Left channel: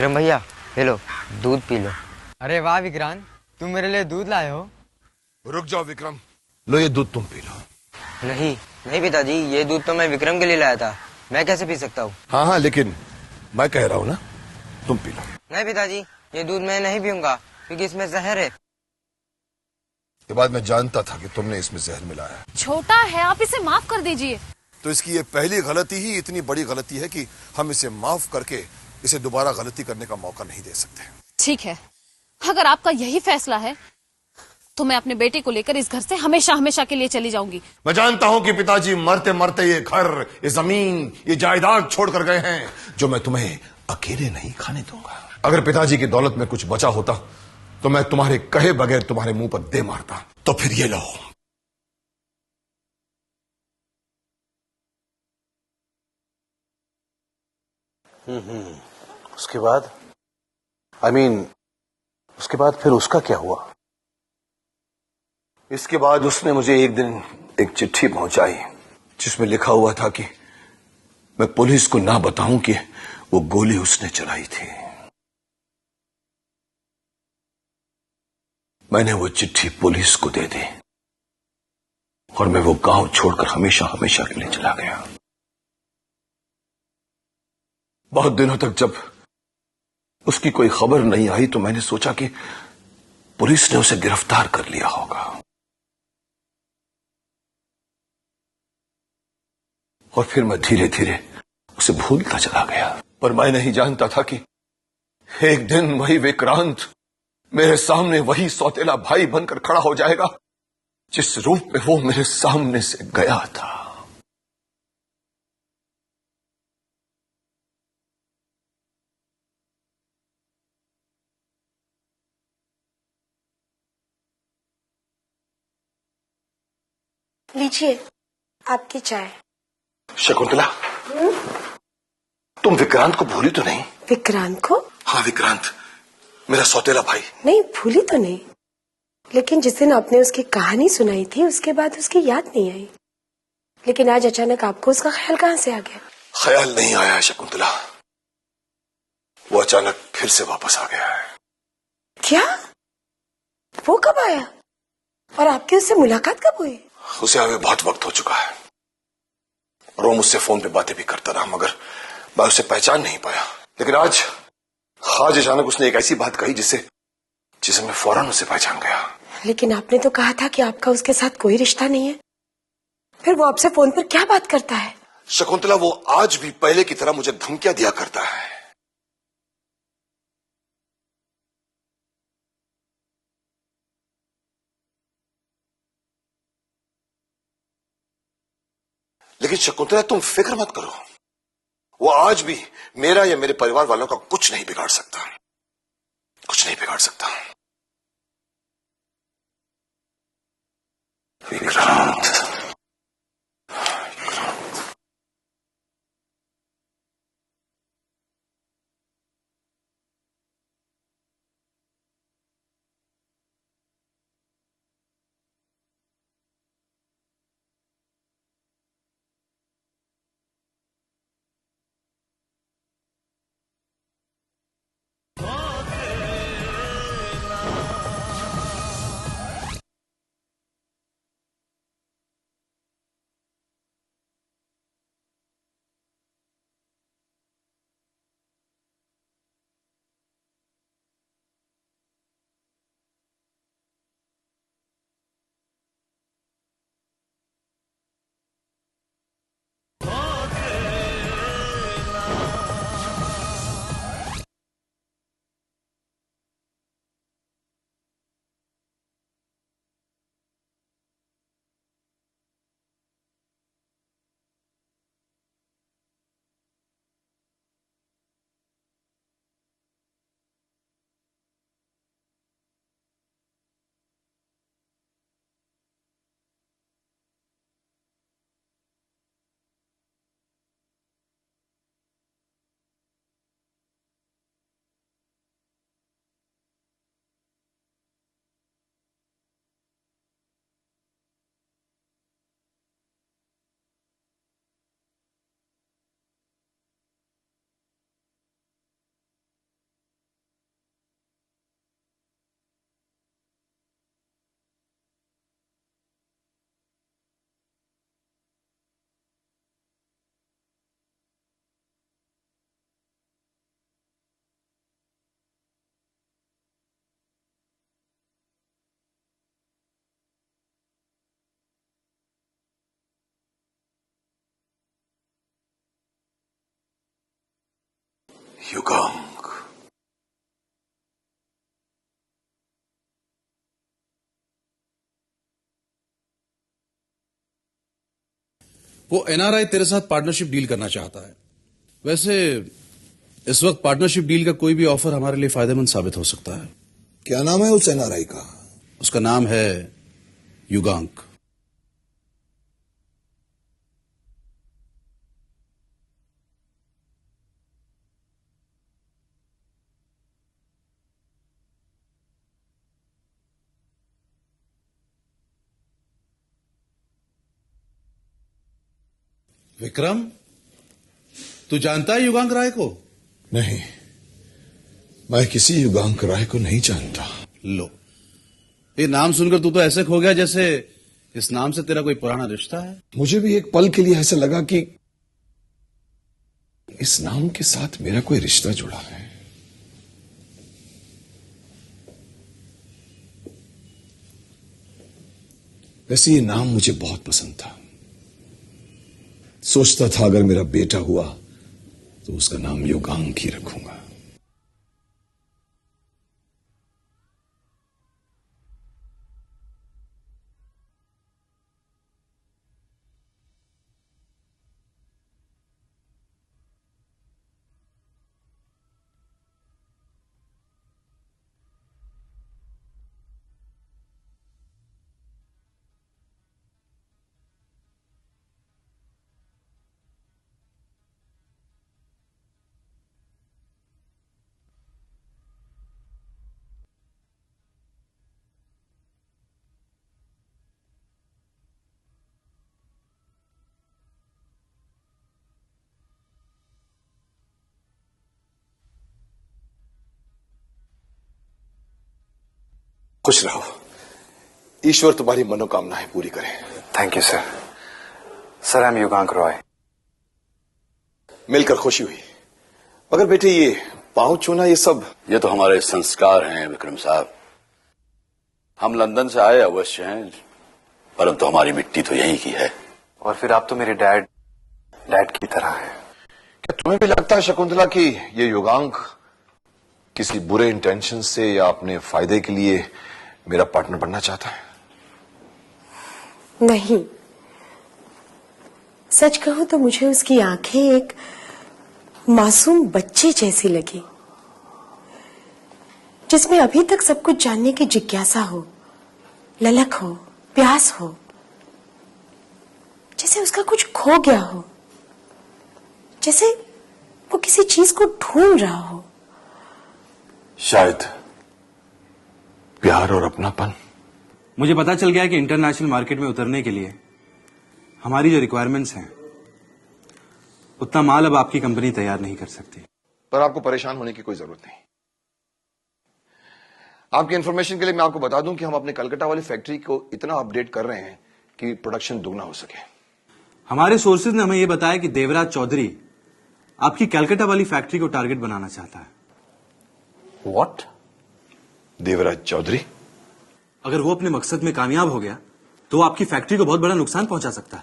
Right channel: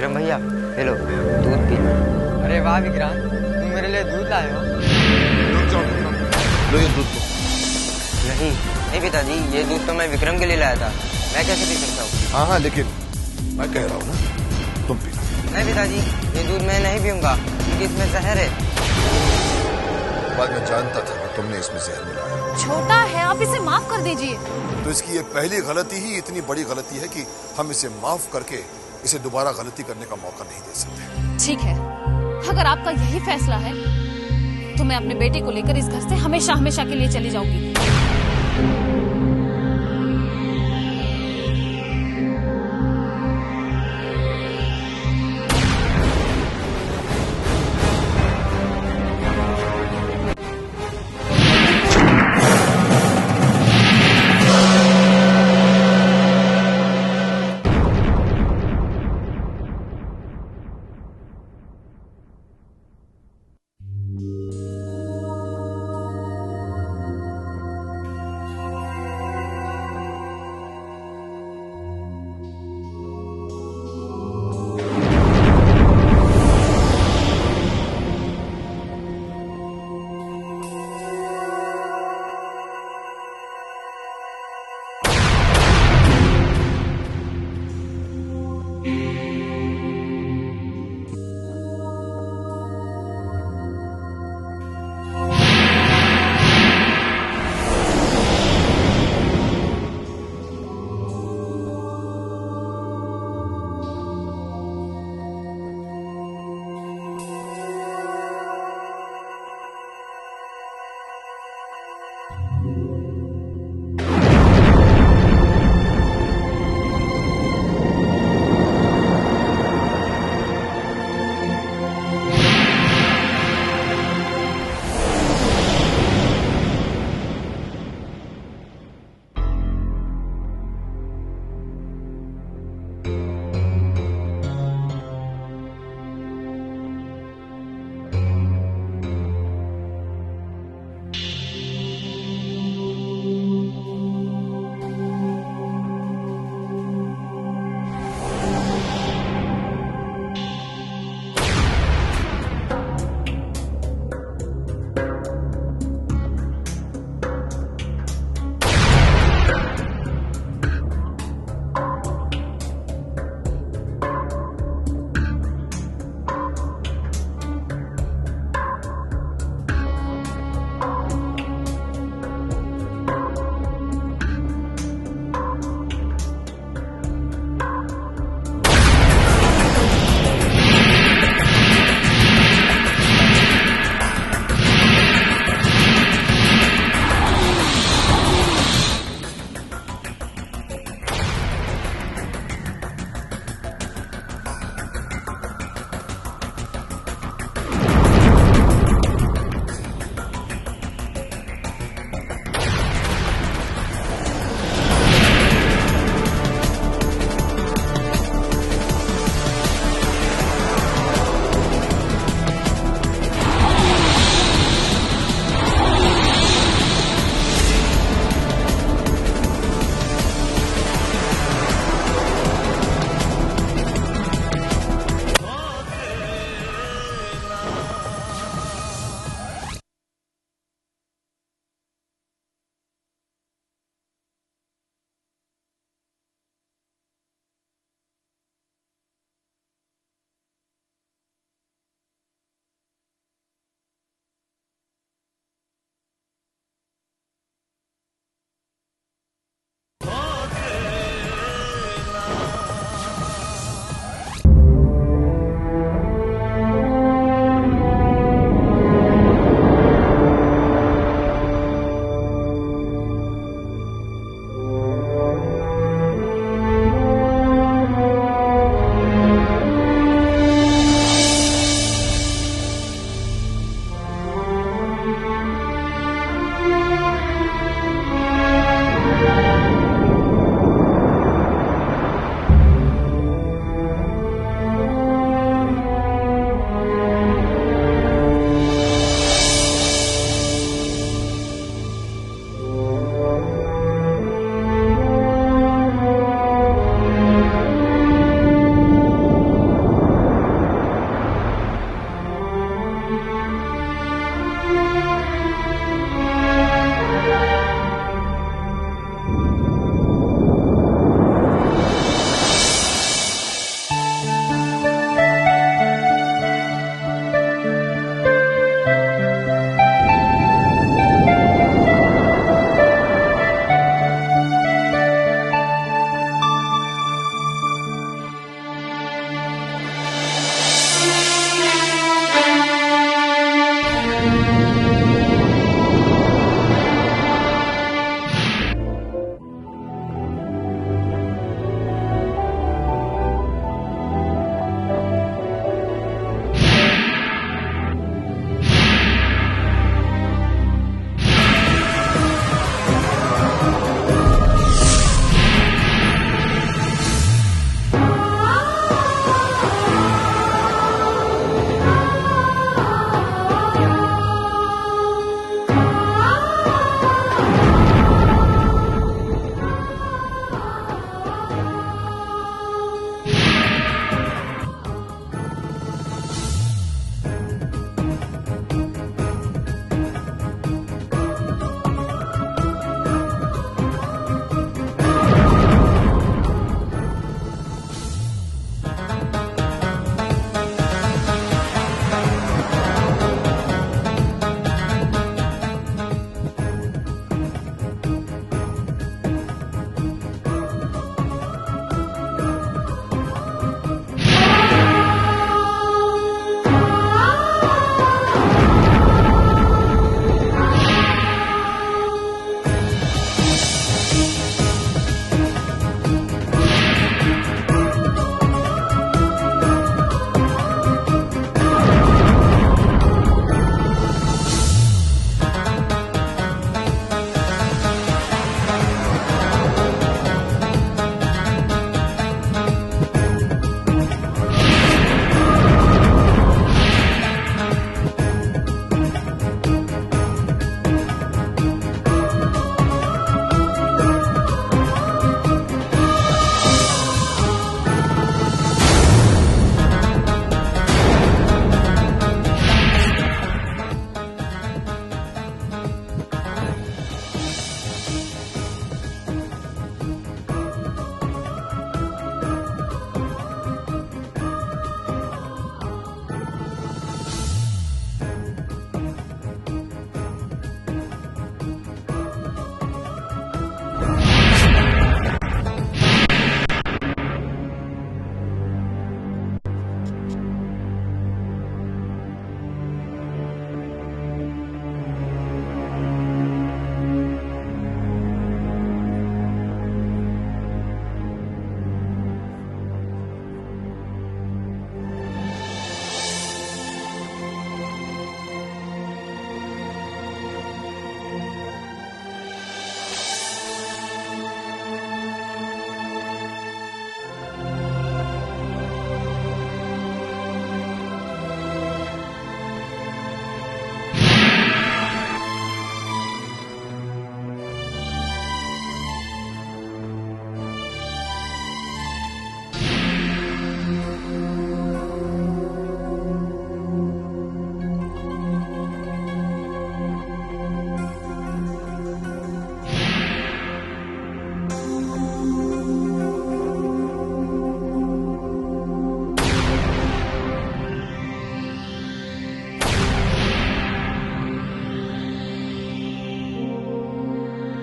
विक्रम भैया, ले लो दूध पी लो। अरे वाह विक्रांत, तुम मेरे लिए दूध लाए हो। रुक जाओ विक्रम, लो ये दूध तो। नहीं नहीं पिताजी, ये दूध तो मैं विक्रम के लिए लाया था, मैं कैसे पी सकता हूँ? हाँ हाँ, लेकिन मैं कह रहा हूँ ना, तुम पी लो। नहीं पिताजी, ये दूध मैं नहीं पीऊंगा क्योंकि इसमें जहर है। बाद में जानता था कि तुमने इसमें जहर मिलाया। छोटा है, आप इसे माफ कर दीजिए। तो इसकी ये पहली गलती ही इतनी बड़ी गलती है कि हम इसे माफ करके इसे दोबारा गलती करने का मौका नहीं दे सकते। ठीक है, अगर आपका यही फैसला है तो मैं अपने बेटे को लेकर इस घर से हमेशा हमेशा के लिए चली जाऊंगी। मैं जानता हूँ कि पिताजी मरते मरते ये घर, ये जमीन, ये जायदाद छोड़कर गए हैं, जो मैं तुम्हें अकेले नहीं खाने दूंगा। अगर पिताजी की दौलत में कुछ बचा होता तो मैं तुम्हारे कहे बगैर तुम्हारे मुंह पर दे मारता। तो फिर ये लो। उसके बाद उसके बाद फिर उसका क्या हुआ? इसके बाद उसने मुझे एक दिन एक चिट्ठी पहुंचाई जिसमें लिखा हुआ था कि मैं पुलिस को ना बताऊं कि वो गोली उसने चलाई थी। मैंने वो चिट्ठी पुलिस को दे दी और मैं वो गांव छोड़कर हमेशा हमेशा के लिए चला गया। बहुत दिनों तक जब उसकी कोई खबर नहीं आई तो मैंने सोचा कि पुलिस ने उसे गिरफ्तार कर लिया होगा, और फिर मैं धीरे धीरे उसे भूलता चला गया। पर मैं नहीं जानता था कि एक दिन वही विक्रांत मेरे सामने वही सौतेला भाई बनकर खड़ा हो जाएगा जिस रूप में वो मेरे सामने से गया था। लीजिए आपकी चाय। शकुंतला, तुम विक्रांत को भूली तो नहीं? विक्रांत को? हाँ विक्रांत, मेरा सौतेला भाई। नहीं भूली तो नहीं, लेकिन जिस दिन आपने उसकी कहानी सुनाई थी उसके बाद उसकी याद नहीं आई। लेकिन आज अचानक आपको उसका ख्याल कहाँ से आ गया? ख्याल नहीं आया है शकुंतला, वो अचानक फिर से वापस आ गया है। क्या? वो कब आया और आपकी उससे मुलाकात कब हुई? उसे हमें बहुत वक्त हो चुका है और वो मुझसे फोन पे बातें भी करता रहा, मगर मैं उसे पहचान नहीं पाया। लेकिन आज अचानक उसने एक ऐसी बात कही जिसे मैं फौरन उसे पहचान गया। लेकिन आपने तो कहा था कि आपका उसके साथ कोई रिश्ता नहीं है, फिर वो आपसे फोन पर क्या बात करता है? शकुंतला, वो आज भी पहले की तरह मुझे धमकियां दिया करता है। लेकिन शकुंतला, तुम फिक्र मत करो, वो आज भी मेरा या मेरे परिवार वालों का कुछ नहीं बिगाड़ सकता, कुछ नहीं बिगाड़ सकता। विक्रांत, वो एनआरआई तेरे साथ पार्टनरशिप डील करना चाहता है। वैसे इस वक्त पार्टनरशिप डील का कोई भी ऑफर हमारे लिए फायदेमंद साबित हो सकता है। क्या नाम है उस एनआरआई का? उसका नाम है युगांग। विक्रम, तू जानता है युगांग राय को? मैं किसी युगांक राय को नहीं जानता। लो, ये नाम सुनकर तू तो ऐसे खो गया जैसे इस नाम से तेरा कोई पुराना रिश्ता है। मुझे भी एक पल के लिए ऐसा लगा कि इस नाम के साथ मेरा कोई रिश्ता जुड़ा। वैसे ये नाम मुझे बहुत पसंद था। सोचता था अगर मेरा बेटा हुआ तो उसका नाम युगांक ही रखूं। खुश रहो। ईश्वर तुम्हारी मनोकामनाएं पूरी करे। Thank you sir. Sir, I am Yugank Roy. मिलकर खुशी हुई। मगर बेटे ये पांव छूना ये सब, ये तो हमारे संस्कार हैं विक्रम साहब। हम लंदन से आए अवश्य हैं, परंतु हमारी मिट्टी तो यहीं की है। और फिर आप तो मेरे डैड की तरह हैं। तुम्हें भी लगता है शकुंतला कि ये युगांक किसी बुरे इंटेंशन से या अपने फायदे के लिए मेरा पार्टनर बनना चाहता है? नहीं, सच कहूं तो मुझे उसकी आंखें एक मासूम बच्चे जैसी लगी, जिसमें अभी तक सब कुछ जानने की जिज्ञासा हो, ललक हो, प्यास हो, जैसे उसका कुछ खो गया हो, जैसे वो किसी चीज को ढूंढ रहा हो। शायद प्यार और अपनापन। मुझे पता चल गया है कि इंटरनेशनल मार्केट में उतरने के लिए हमारी जो रिक्वायरमेंट्स हैं उतना माल अब आपकी कंपनी तैयार नहीं कर सकती। पर आपको परेशान होने की कोई जरूरत नहीं। आपकी इंफॉर्मेशन के लिए मैं आपको बता दूं कि हम अपने कलकत्ता वाली फैक्ट्री को इतना अपडेट कर रहे हैं कि प्रोडक्शन दुगना हो सके। हमारे सोर्सेज ने हमें यह बताया कि देवराज चौधरी आपकी कलकत्ता वाली फैक्ट्री को टारगेट बनाना चाहता है। What? देवराज चौधरी? अगर वो अपने मकसद में कामयाब हो गया तो वो आपकी फैक्ट्री को बहुत बड़ा नुकसान पहुंचा सकता है।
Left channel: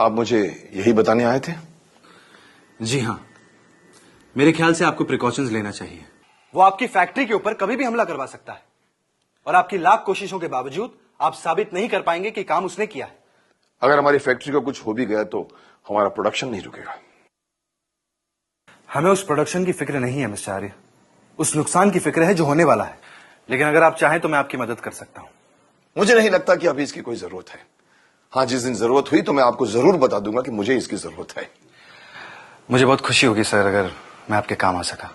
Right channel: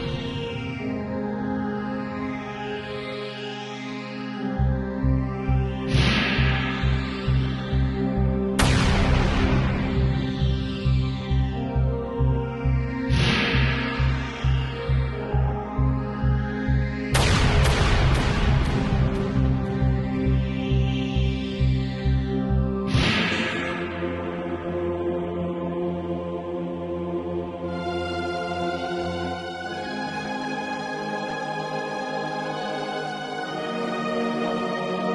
आप मुझे यही बताने आए थे? जी हाँ, मेरे ख्याल से आपको प्रिकॉशंस लेना चाहिए। वो आपकी फैक्ट्री के ऊपर कभी भी हमला करवा सकता है और आपकी लाख कोशिशों के बावजूद आप साबित नहीं कर पाएंगे कि काम उसने किया। अगर हमारी फैक्ट्री को कुछ हो भी गया तो हमारा प्रोडक्शन नहीं रुकेगा। हमें उस प्रोडक्शन की फिक्र नहीं है मिस्टर आर्य, उस नुकसान की फिक्र है जो होने वाला है। लेकिन अगर आप चाहें तो मैं आपकी मदद कर सकता हूँ। मुझे नहीं लगता कि अभी इसकी कोई जरूरत है। हाँ, जिस दिन जरूरत हुई तो मैं आपको जरूर बता दूंगा कि मुझे इसकी जरूरत है। मुझे बहुत खुशी होगी सर अगर मैं आपके काम आ सका।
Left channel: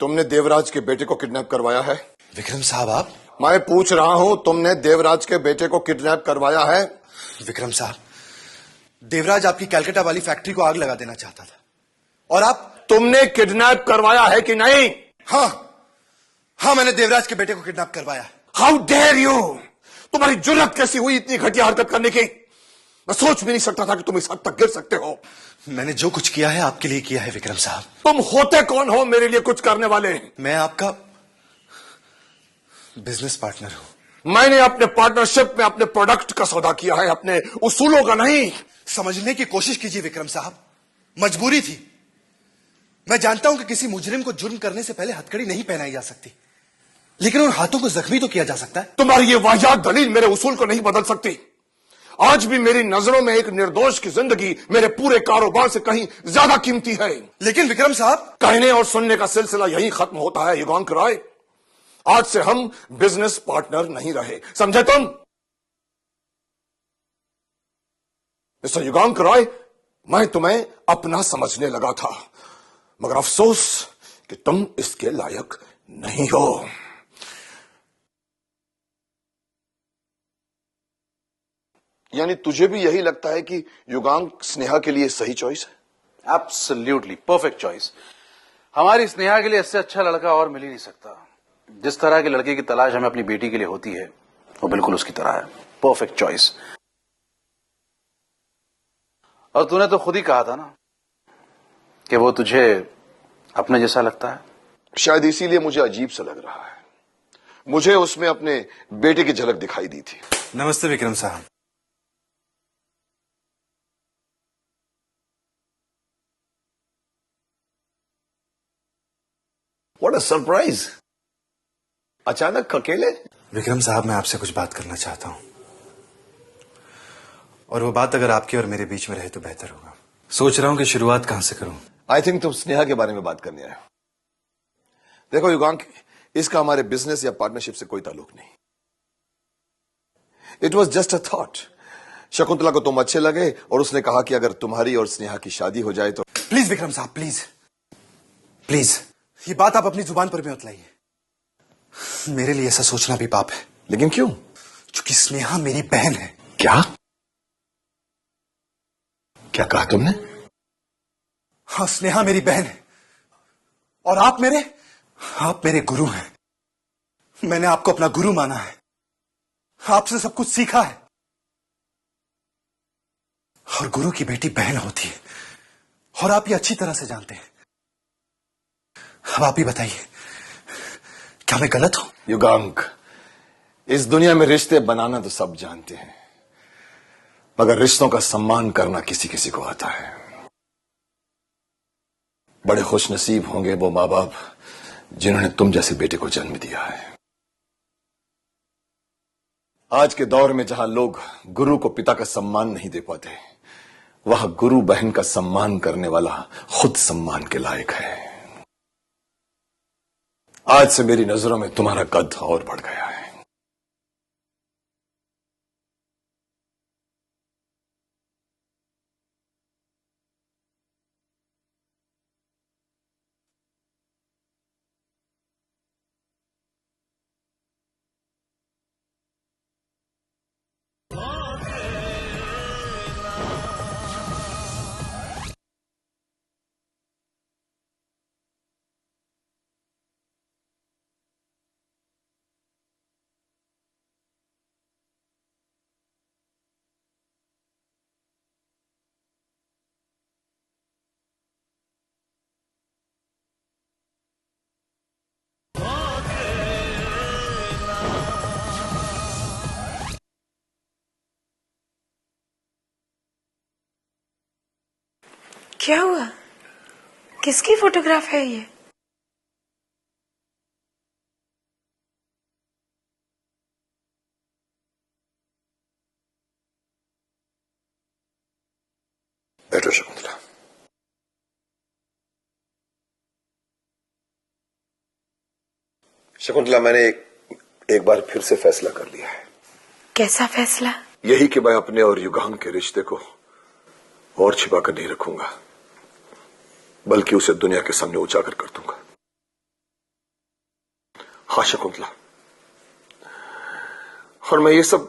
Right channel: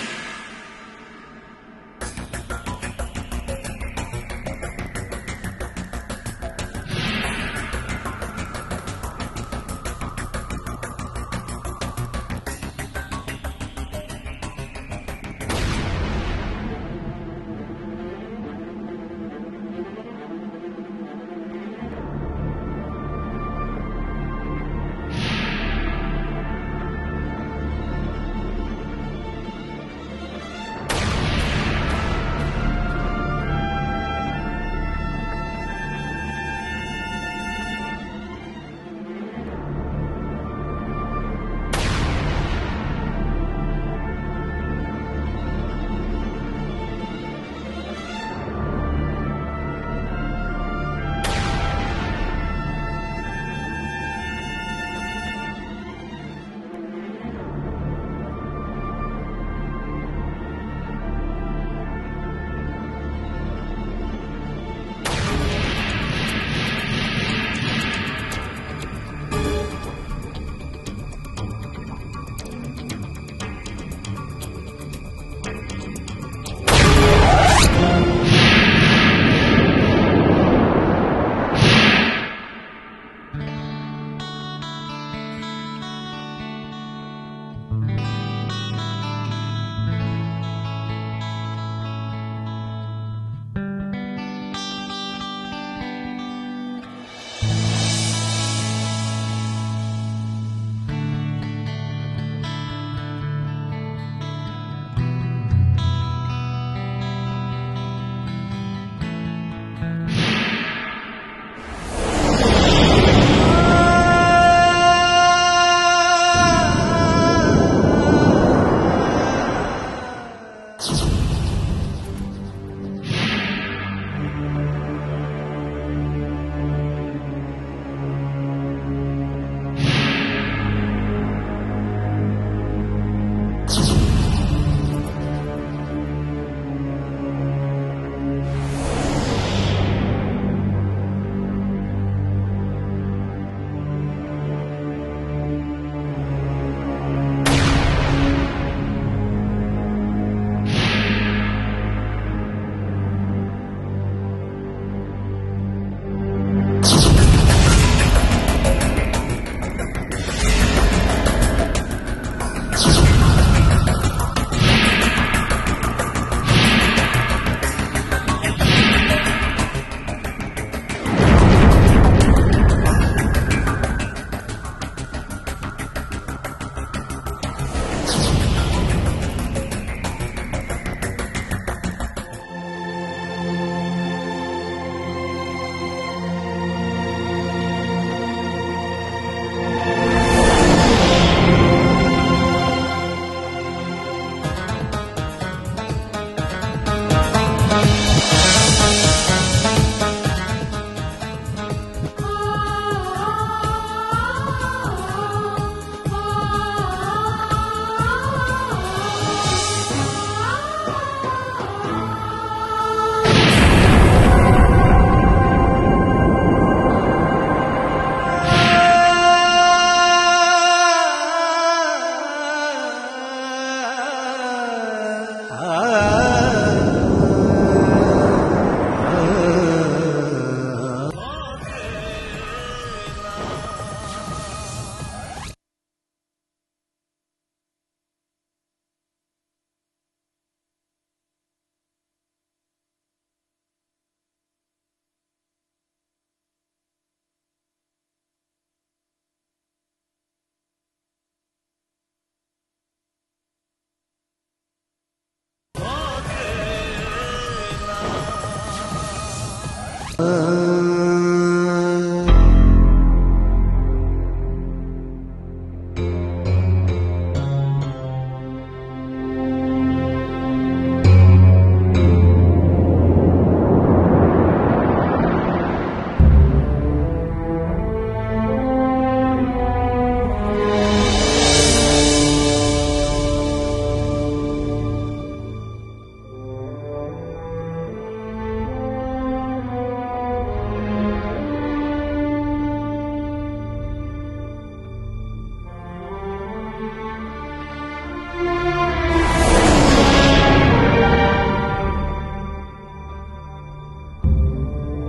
तुमने देवराज के बेटे को किडनैप करवाया है? विक्रम साहब, आप? मैं पूछ रहा हूं, तुमने देवराज के बेटे को किडनैप करवाया है? विक्रम साहब, देवराज आपकी कलकत्ता वाली फैक्ट्री को आग लगा देना चाहता है और आप? तुमने किडनैप करवाया है कि नहीं? हाँ, हाँ, मैंने देवराज के बेटे को किडनैप करवाया। How dare you! तुम्हारी जुर्रत कैसी हुई इतनी घटिया हरकत करने की? मैं सोच भी नहीं सकता था कि तुम इस हद तक गिर सकते हो। मैंने जो कुछ किया है आपके लिए किया है विक्रम साहब। तुम होते कौन हो मेरे लिए कुछ करने वाले? मैं आपका बिजनेस पार्टनर। मैंने अपने पार्टनरशिप में अपने प्रोडक्ट का सौदा किया है, अपने उसूलों का नहीं। समझने की कोशिश कीजिए विक्रम साहब, मजबूरी थी। मैं जानता हूं कि किसी मुजरिम को जुर्म करने से पहले हथकड़ी नहीं पहनाई जा सकती, लेकिन उन हाथों को जख्मी तो किया जा सकता है। तुम्हारी ये वाहियात दलील मेरे उसूल को नहीं बदल सकती। आज भी मेरी नजरों में एक निर्दोष की जिंदगी मेरे पूरे कारोबार से कहीं ज्यादा कीमती है। लेकिन विक्रम साहब, कहने और सुनने का सिलसिला यहीं खत्म होता है युगांक राय। आज से हम बिजनेस पार्टनर नहीं रहे, समझे तुम? मिस्टर युगांक राय, मैं तुम्हें अपना समझने लगा था, मगर अफसोस कि तुम इसके लायक नहीं हो। यानी तुझे भी यही लगता है कि युगांक स्नेहा के लिए सही चॉइस है? Absolutely perfect choice. हमारी स्नेहा के लिए इससे अच्छा लड़का और मिल ही नहीं सकता। जिस तरह के लड़के की तलाश हमें अपनी बेटी के लिए होती है, वो बिल्कुल उसकी तरह है। Perfect choice. और तूने तो खुद ही कहा था ना कि वो तुझे अपने जैसा लगता है। शायद इसीलिए मुझे अजीब सा लग रहा है। मुझे उसमें अपने बेटे की झलक दिखाई दी थी। नमस्ते विक्रम साहब। What a surprise! अचानक अकेले? विक्रम साहब, मैं आपसे कुछ बात करना चाहता हूँ, और वो बात अगर आपकी और मेरे बीच में रहे तो बेहतर हो। सोच रहा हूँ कि शुरुआत कहाँ से करूँ। आई थिंक तुम स्नेहा के बारे में बात कर रहे हो। देखो युगांक, इसका हमारे बिजनेस या पार्टनरशिप से कोई ताल्लुक नहीं। It was just a thought. Shakuntala को तुम अच्छे लगे और उसने कहा कि अगर तुम्हारी और स्नेहा की शादी हो जाए तो। प्लीज विक्रम साहब, प्लीज प्लीज, ये बात आप अपनी जुबान पर मत लीजिए। मेरे लिए ऐसा सोचना भी पाप है। लेकिन क्यों? क्योंकि स्नेहा मेरी बहन है। क्या? क्या कहा तुमने? हाँ, स्नेहा मेरी बहन है और आप मेरे गुरु हैं। मैंने आपको अपना गुरु माना, आपसे सब कुछ सीखा है। हाँ, गुरु की बेटी बहन होती है और आप ये अच्छी तरह से जानते हैं। अब आप ही बताइए, क्या मैं गलत हूं? युगांक, इस दुनिया में रिश्ते बनाना तो सब जानते हैं, मगर रिश्तों का सम्मान करना किसी किसी को आता है। बड़े खुश नसीब होंगे वो माँ बाप जिन्होंने तुम जैसे बेटे को जन्म दिया है। आज के दौर में जहां लोग गुरु को पिता का सम्मान नहीं दे पाते, वह गुरु बहन का सम्मान करने वाला खुद सम्मान के लायक है। आज से मेरी नजरों में तुम्हारा कद और बढ़ गया है। क्या हुआ? किसकी फोटोग्राफ है ये? बैठो शकुंतला। शकुंतला, मैंने एक बार फिर से फैसला कर लिया है। कैसा फैसला? यही कि मैं अपने और युगांक के रिश्ते को और छिपा कर नहीं रखूंगा, बल्कि उसे दुनिया के सामने उजागर कर दूंगा। हाँ शकुंतला, और मैं ये सब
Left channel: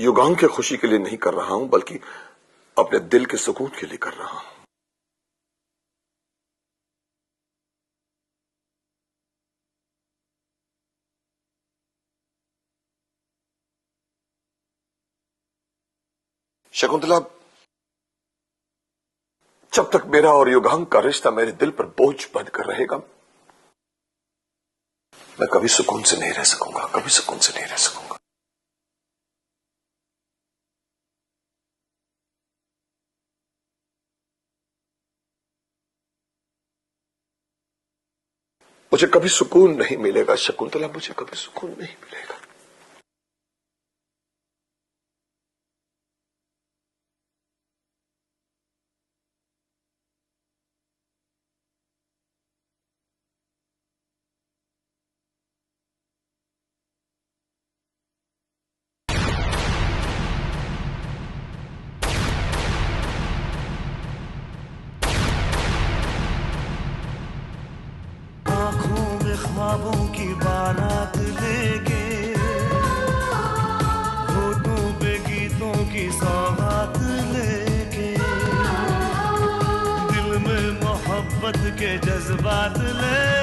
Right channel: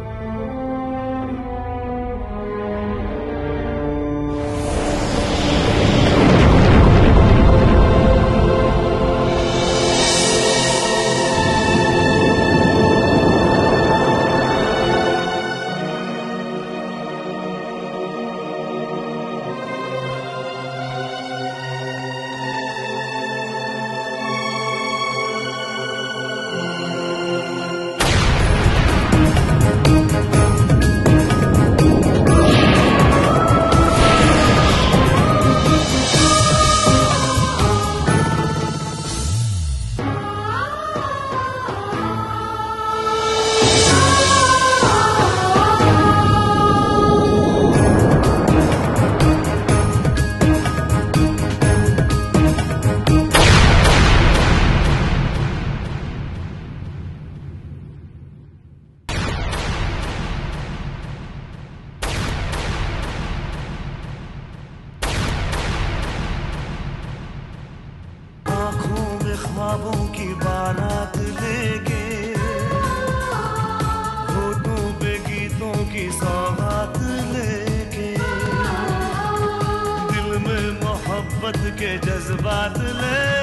युगांक की खुशी के लिए नहीं कर रहा हूं, बल्कि अपने दिल के सुकून के लिए कर रहा हूं। तब तक मेरा और युगांग का रिश्ता मेरे दिल पर बोझ बनकर रहेगा। मैं कभी सुकून से नहीं रह सकूंगा, कभी सुकून से नहीं रह सकूंगा। मुझे कभी सुकून नहीं मिलेगा शकुंतला, मुझे कभी सुकून नहीं ख्वाबों की बारात लेके, होठों पे गीतों की सौगात लेके, दिल में मोहब्बत के जज्बात ले